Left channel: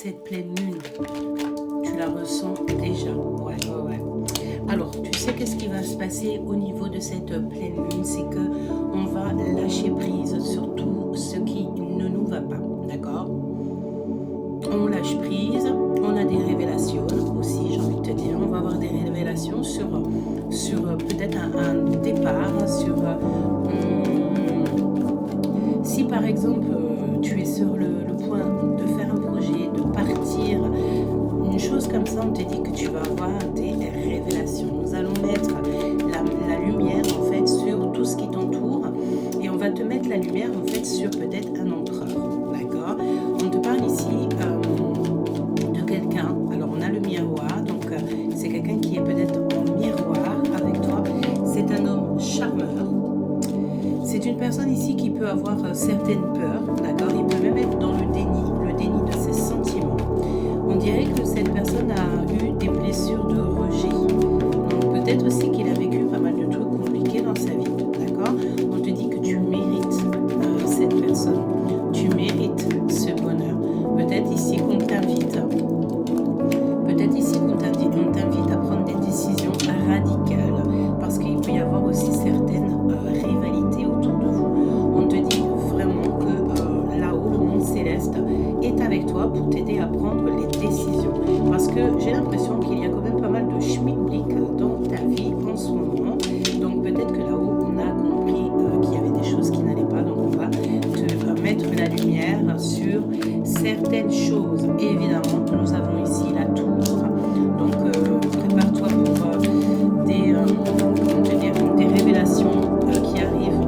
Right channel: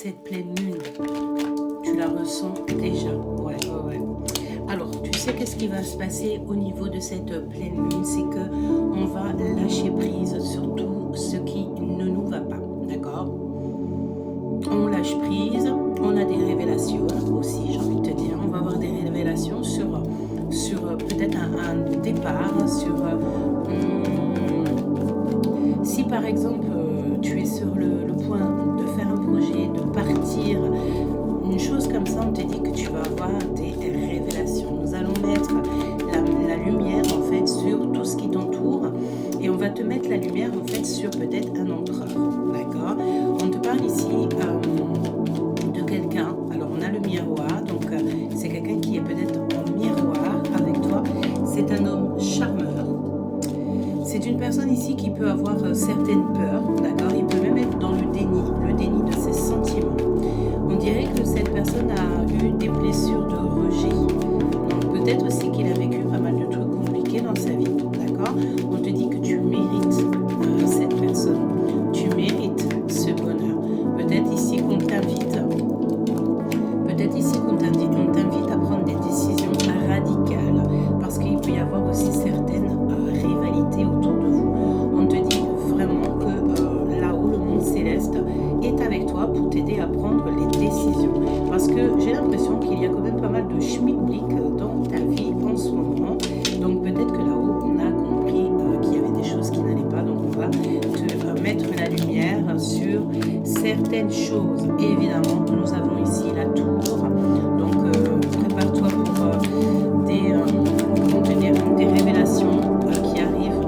cette pleine lune, tu la ressens déjà. Ouais, ouais, ouais. Alors, tu sais qu'est-ce qui va se passer au niveau de cette pleine lune, c'est que on va lâcher prise sur tout ce qui ne nous va pas, d'accord? On lâche prise, on a des révélations aussi, j'ai envie de te dire. On va avoir des révélations sur peut-être un départ, si par exemple tu es sur le point de faire un projet, de partir, une chose comme ça, on te dit que tu vas avoir des révélations. Nous allons mettre la lumière en fait sur tout ce qui t'entoure et on va te mettre la lumière en fait sur peut-être un empereur, d'accord? On te parle ici de quelqu'un, alors on a le miroir, donc c'est quelqu'un qui est peut-être en miroir avec toi, c'est un homme charmeur. C'est une personne ici qui peut avoir certaines peurs, d'accord? Il peut même être dans le déni de ses sentiments. On dirait que cette personne a eu des blessures de rejet. Donc peut-être aussi qu'il a vécu pas mal de trucs compliqués dans sa vie, d'accord? On te dit que tu mérites cette personne. Tu mérites ce bonheur. Peut-être ici qu'on t'invite à prendre des décisions radicales parce qu'il peut y avoir aussi certaines rivalités autour de vous. On te dit vraiment que là-haut, le monde céleste est avec toi pour t'aider à prendre les décisions. Parce que j'ai l'impression qu'il y a quand même pas mal de schmilblick dans ta vie en ce moment. Donc peut-être que là-haut, on a compris qu'il y avait des choses qui n'allaient pas. Donc on va te mettre la lumière sur certaines choses. Et évidemment, nous avons ici la tour. Donc prépare-toi pour des révélations qui arrivent.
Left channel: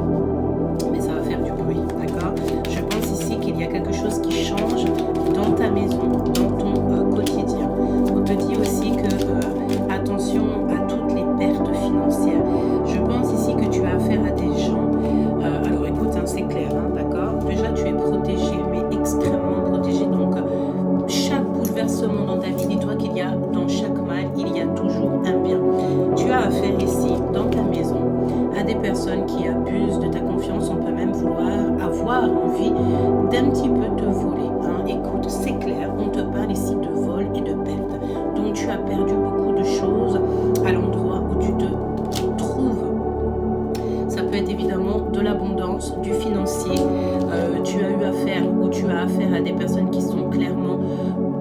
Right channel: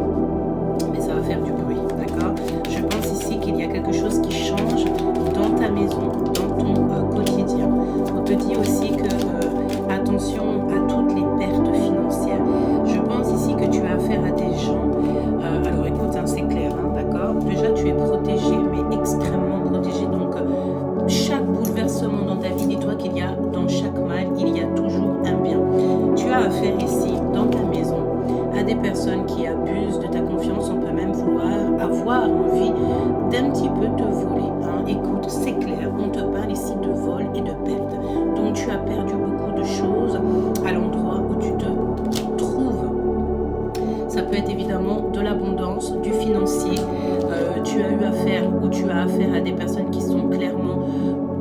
Mais ça va faire du bruit, d'accord? Je pense ici qu'il y a quelque chose qui change dans ta maison, dans ton quotidien. On te dit aussi que attention à toutes les pertes financières. Je pense ici que tu as affaire à des gens. Alors écoute, hein, c'est clair, hein, d'accord? Déjà, tu es protégé, mais extrêmement protégé. Donc, chaque bouleversement dans ta vie, dis-toi qu'il y a dans chaque mal, il y a toujours un bien. Tu as affaire ici, dans ta maison, à des personnes qui abusent de ta confiance. On peut même vouloir avoir envie d'un petit peu te voler. Hein. Écoute, c'est clair, on te parle ici de vol et de perte. Donc tu as perdu beaucoup de choses à l'endroit où tu te trouves. Ça peut être évidemment de l'abondance, du financier. Tu as eu affaire ou tu as affaire à des personnes qui sont clairement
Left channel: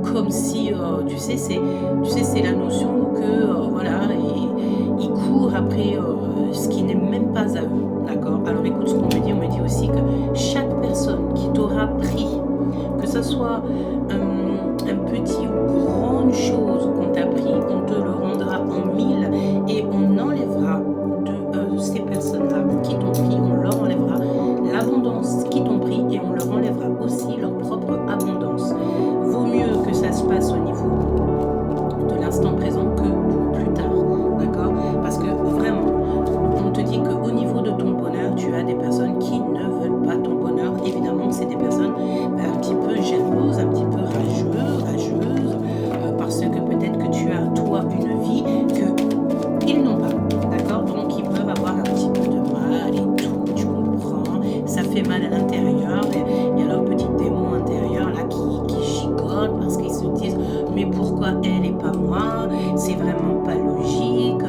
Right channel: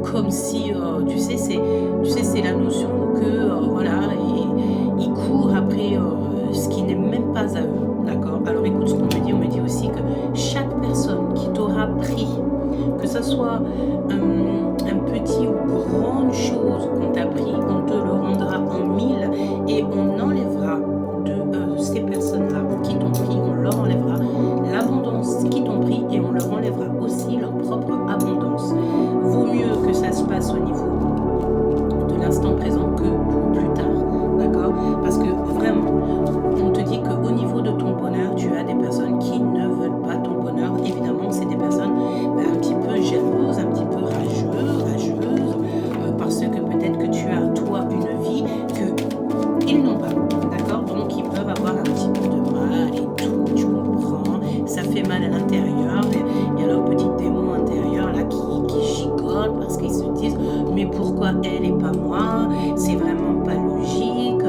comme si, tu sais, c'est la notion que, voilà, ils courent après ce qui n'est même pas à eux, d'accord? Alors écoute ce qu'on me dit, on me dit aussi que chaque personne qui t'aura pris, que ce soit un petit ou grande chose qu'on t'a pris, on te le rendra en 1000 et on enlèvera de ces personnes-là qui t'ont pris, on leur enlèvera l'abondance qui t'ont pris et on leur enlèvera aussi leur propre abondance. Vaut mieux que ça se passe au niveau de l'instant présent que pour plus tard, d'accord? Parce que vraiment, on te dit qu'au niveau de ton bonheur, tu as des personnes qui ne veulent pas ton bonheur. Évidemment, c'est des personnes un petit peu jalouses, un petit peu rageuses, parce que peut-être que tu as, toi, une vie qu'ils n'ont pas, d'accord? Donc, ils peuvent avoir un petit peu de mal et tout, tu comprends? Ça fait mal à l'intérieur, il y a leur petit démon intérieur là qui gigote parce qu'ils se disent mais pourquoi elle et pas moi? C'est vraiment pas logique,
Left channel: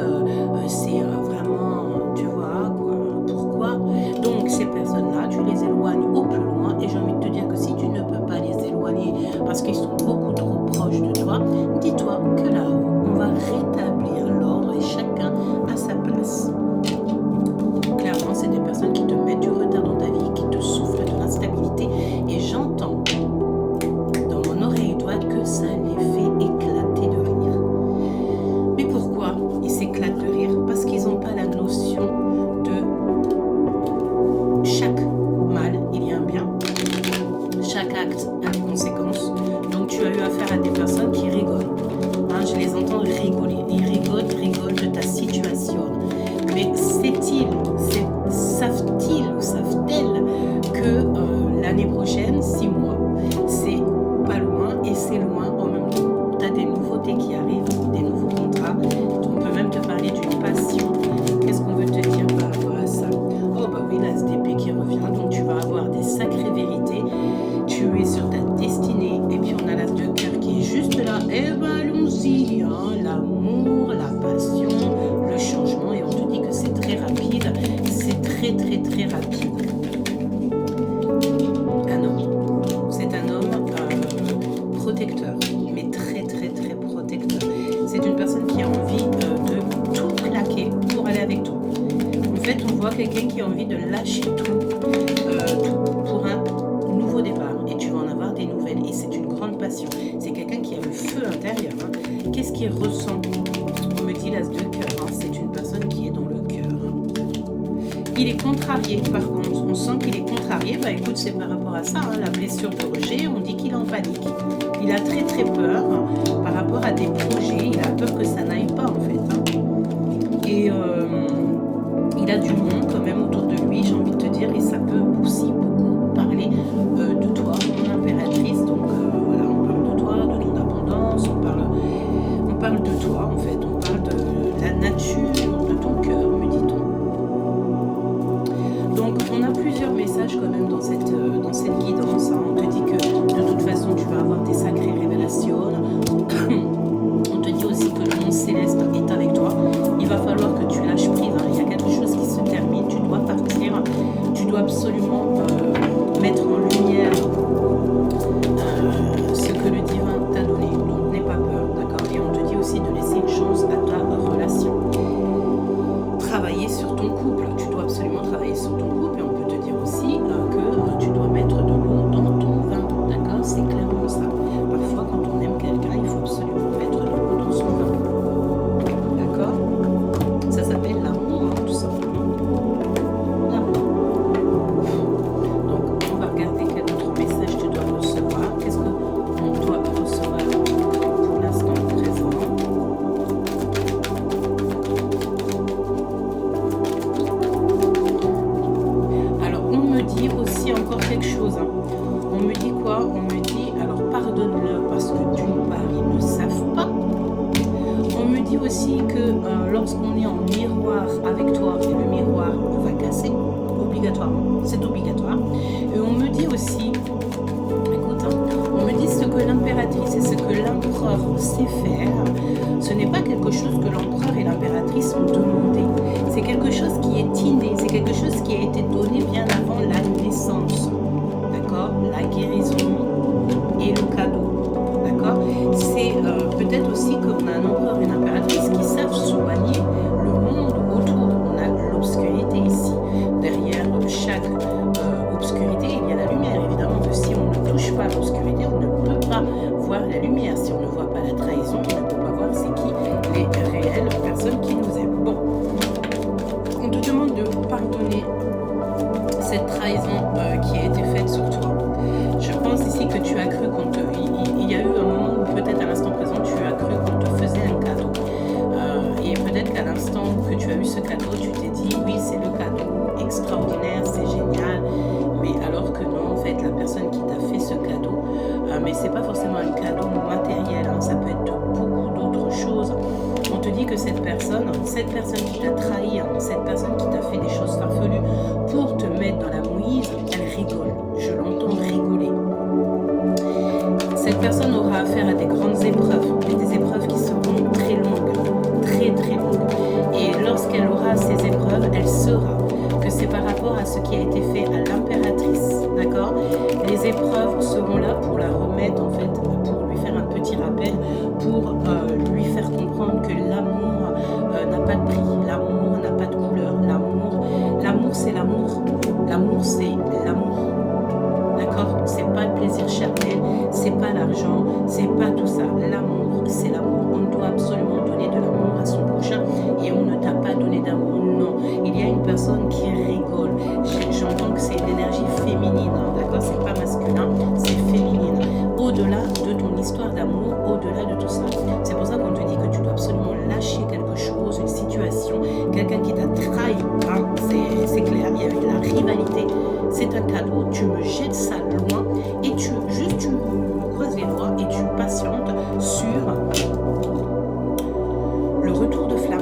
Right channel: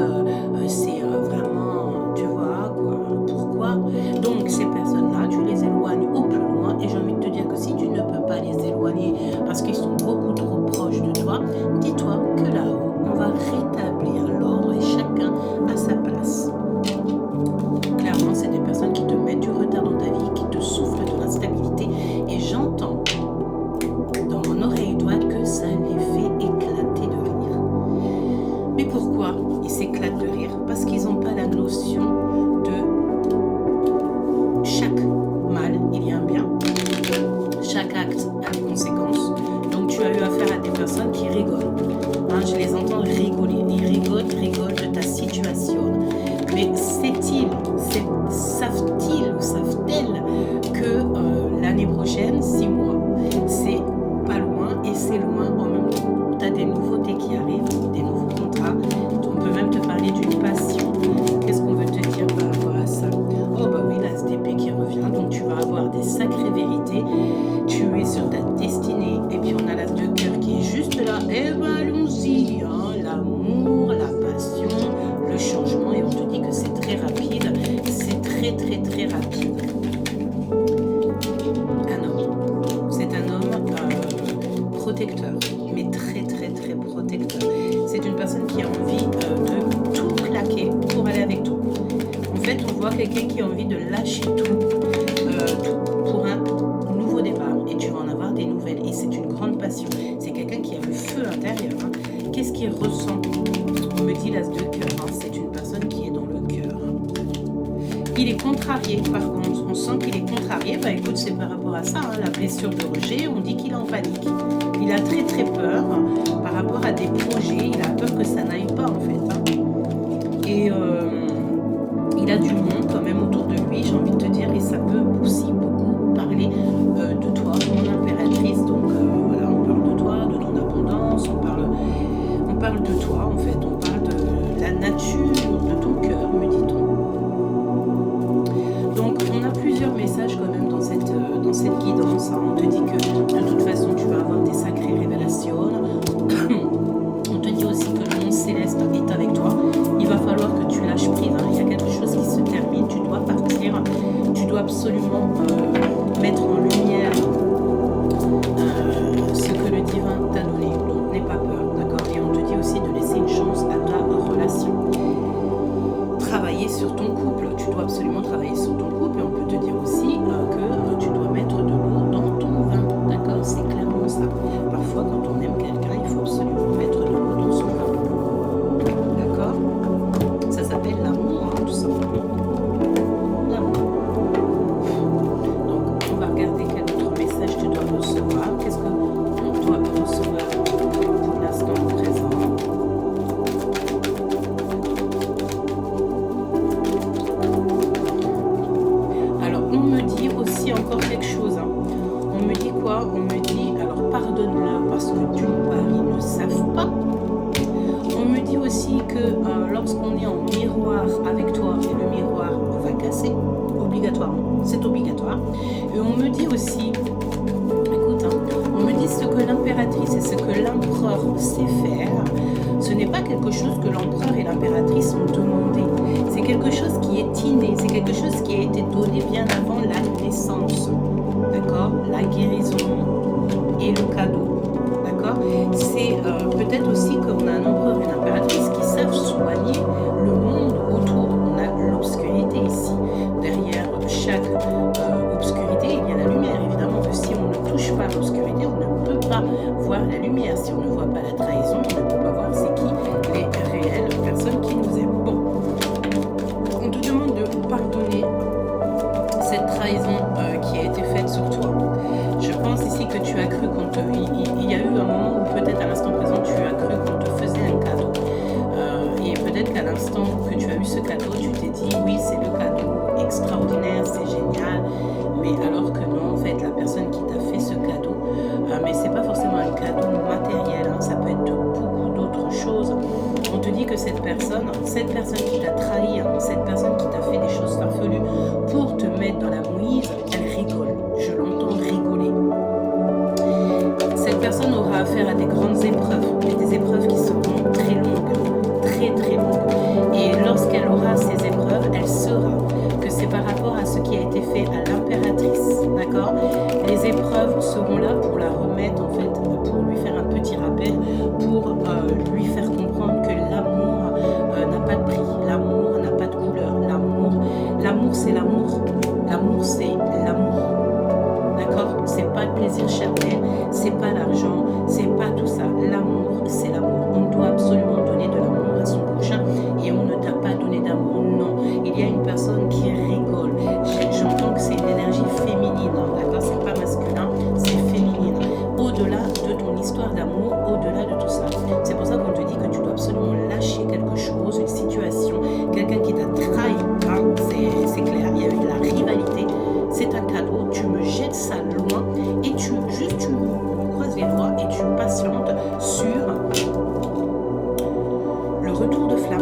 c'est vraiment, tu vois, quoi, pourquoi? Donc ces personnes-là, tu les éloignes au plus loin et j'ai envie de te dire que si tu ne peux pas les éloigner parce qu'ils sont beaucoup trop proches de toi, dis-toi que là-haut, on va rétablir l'ordre et chacun à sa place. Clairement, c'est des personnes qui te mettent du retard dans ta vie, qui te soufflent de l'instabilité et j'entends dans mon oreille droite que ça les fait éclater de rire. Mais pourquoi ils s'éclatent de rire? Parce qu'ils n'ont pas la notion de chaque mal, il y a un bien, chaque acte a des conséquences. Donc tu as eu affaire à des personnes qui rigolent. Hein, je les entends rigoler. Ils rigolent de ta situation. Mais savent-ils ou savent-elles que l'année prochaine, 6 mois, c'est pas loin et c'est loin en même temps. Tu as des nouveautés qui arrivent, des nouveaux contrats. On peut même te parler d'une passion. Qu'est-ce qu'on veut te dire par rapport à ça? Oh bah oui, la SDP qui revient, donc tu vas avoir des sacrées vérités. Tu es sur ta destinée et puis on a l'as de cœur juste là, eh ben allons-y, hein, l'amour, la passion, le changement, et on te dit que c'est très rapide, c'est très très très rapide. Un homme, c'est un homme protecteur, mais très très très protecteur. C'est une personne qui a envie de tout claquer pour aller avec toi. En fait, on voit quelqu'un qui a envie de lâcher tout pour un nouveau départ, et tu vas en avoir des nouvelles, et c'est une grande passion. C'est quelqu'un qui a le feu intérieur, hein. Qu'est-ce qu'il ressent? On me dit l'as de cœur, hein. C'est une personne qui est dans le cœur. Il est contrarié, par contre, on sent qu'il est contrarié. Bah écoute, c'est par rapport à ça, hein, la blessure de rejet, on dit qu'il est en panique. Il a très très peur par rapport à des projets, il a peur que ça n'aille pas en fait, hein. Et il a du monde quand même autour de lui, j'ai envie de te dire, et ça peut aussi beaucoup parler de toi, mon impératrice. Donc voilà, on parle de toi, de ton abondance, on parle de toi en fait, on parle de la nature, de ton cœur, me dit-on. Donc on a plusieurs messages quand même dans cette guidance, hein. On te dit que de toute façon tu vas avoir des sacrées révélations. On te dit aussi que le monde céleste est avec toi. Il va falloir que tu lâches prise, hein. Il y a quelque chose qui se termine, tu dois partir, tu dois absolument mettre en lumière ce que le divin t'a donné. Donc n'aie pas peur, d'accord? Et on te dit aussi de laisser une chance à ta relation. Travailler sur ton couple, tu dois absolument travailler sur ton couple, et on peut te dire aussi que tu dois mettre de l'eau dans ton vin, d'accord? C'est clairement ça. Parfois quand on aime quelqu'un, il faut absolument mettre de l'eau dans son vin, d'accord? Ça s'appelle l'amour, hein, tout simplement. L'amour. Donc on va regarder quel autre message tu dois recevoir. Qu'est-ce qu'on doit recevoir pour l'instant présent? On me dit aussi encore quelque chose, hein. On me dit quoi? On me dit, alors pardonne-le parce que d'une part ils ne savent pas. On me dit aussi que lorsqu'on est en miroir avec toi, et le miroir va casser, obligatoirement, c'est obligatoire. Et on me dit aussi, écoute, hein, on me dit ce que l'impératrice et ce que l'empereur sait faire, ce n'est pas quelque chose que l'empereur et l'impératrice ont demandé. C'est quelque chose qui est inné, c'est quelque chose qui a été donné bien avant la naissance. D'accord? La guérison et le cadeau. D'accord? C'est peut-être aussi qu'on a un empereur et une impératrice qui savent soigner le monde autour. On a l'obscurité ici. Derrière chaque obscurité, il y a la lumière. Évidemment que si on ne touche pas l'obscurité, on ne peut pas voir la lumière. Si on ne voit pas la trahison, on ne peut pas voir c'est qui les réelles personnes qui nous aiment. Bon, on te demande de pardonner cette trahison qui a été faite sur toi. Je pense ici que tu as cru qu'on te... Il y a eu un moment où peut-être à l'instant présent, tu as cru qu'on te faisait un cadeau. Et peut-être qu'à l'instant que tu as eu ce cadeau, tu t'es dit, oui, c'est le cadeau extraordinaire, c'est génial. Mais alors que non, en fait, la personne qui t'a fait ce cadeau, mais c'est pas forcément un cadeau matériel, hein, ça peut être beaucoup d'autres choses. On te dit que cette personne qui t'a trahi, hein, cette personne qui t'a fait des choses farfelues pour te mettre dans la mouise, elle rigole. Je l'entends rigoler. Cette personne aura affaire à des grandes épreuves, mais des épreuves qui seront très longues, très très longues. Et lorsqu'elle aura ces épreuves, elle saura que c'est par rapport à ce qui a été fait à l'impératrice, d'accord? Les épreuves seront là pour la remettre, en fait, pour lui faire un petit rappel, pour lui faire comprendre que l'amour n'a pas de prix, l'amour n'a pas de couleur, l'amour c'est l'amour, l'amour c'est l'amour. D'accord? C'est pas le plaisir charnel, c'est pas l'argent, c'est pas tout ça. L'amour, c'est l'amour. On doit absolument donner de l'amour à son prochain et on ne t'a pas donné d'amour. Non. Il y a une personne qui rigole. J'entends que c'est une énergie féminine, hein, d'accord? C'est pas masculin, c'est féminine. Au-delà de ton histoire d'amour, au-delà de tout ça. C'est pour ça qu'on te dit que tu dois absolument lâcher quelque chose, une situation, quelqu'un qui t'a trahi, hein, c'est clair, il y a eu de la rivalité. C'est un cadeau, tu me jettes ça loin et tu croises les doigts et tu patientes sur le retour de flamme.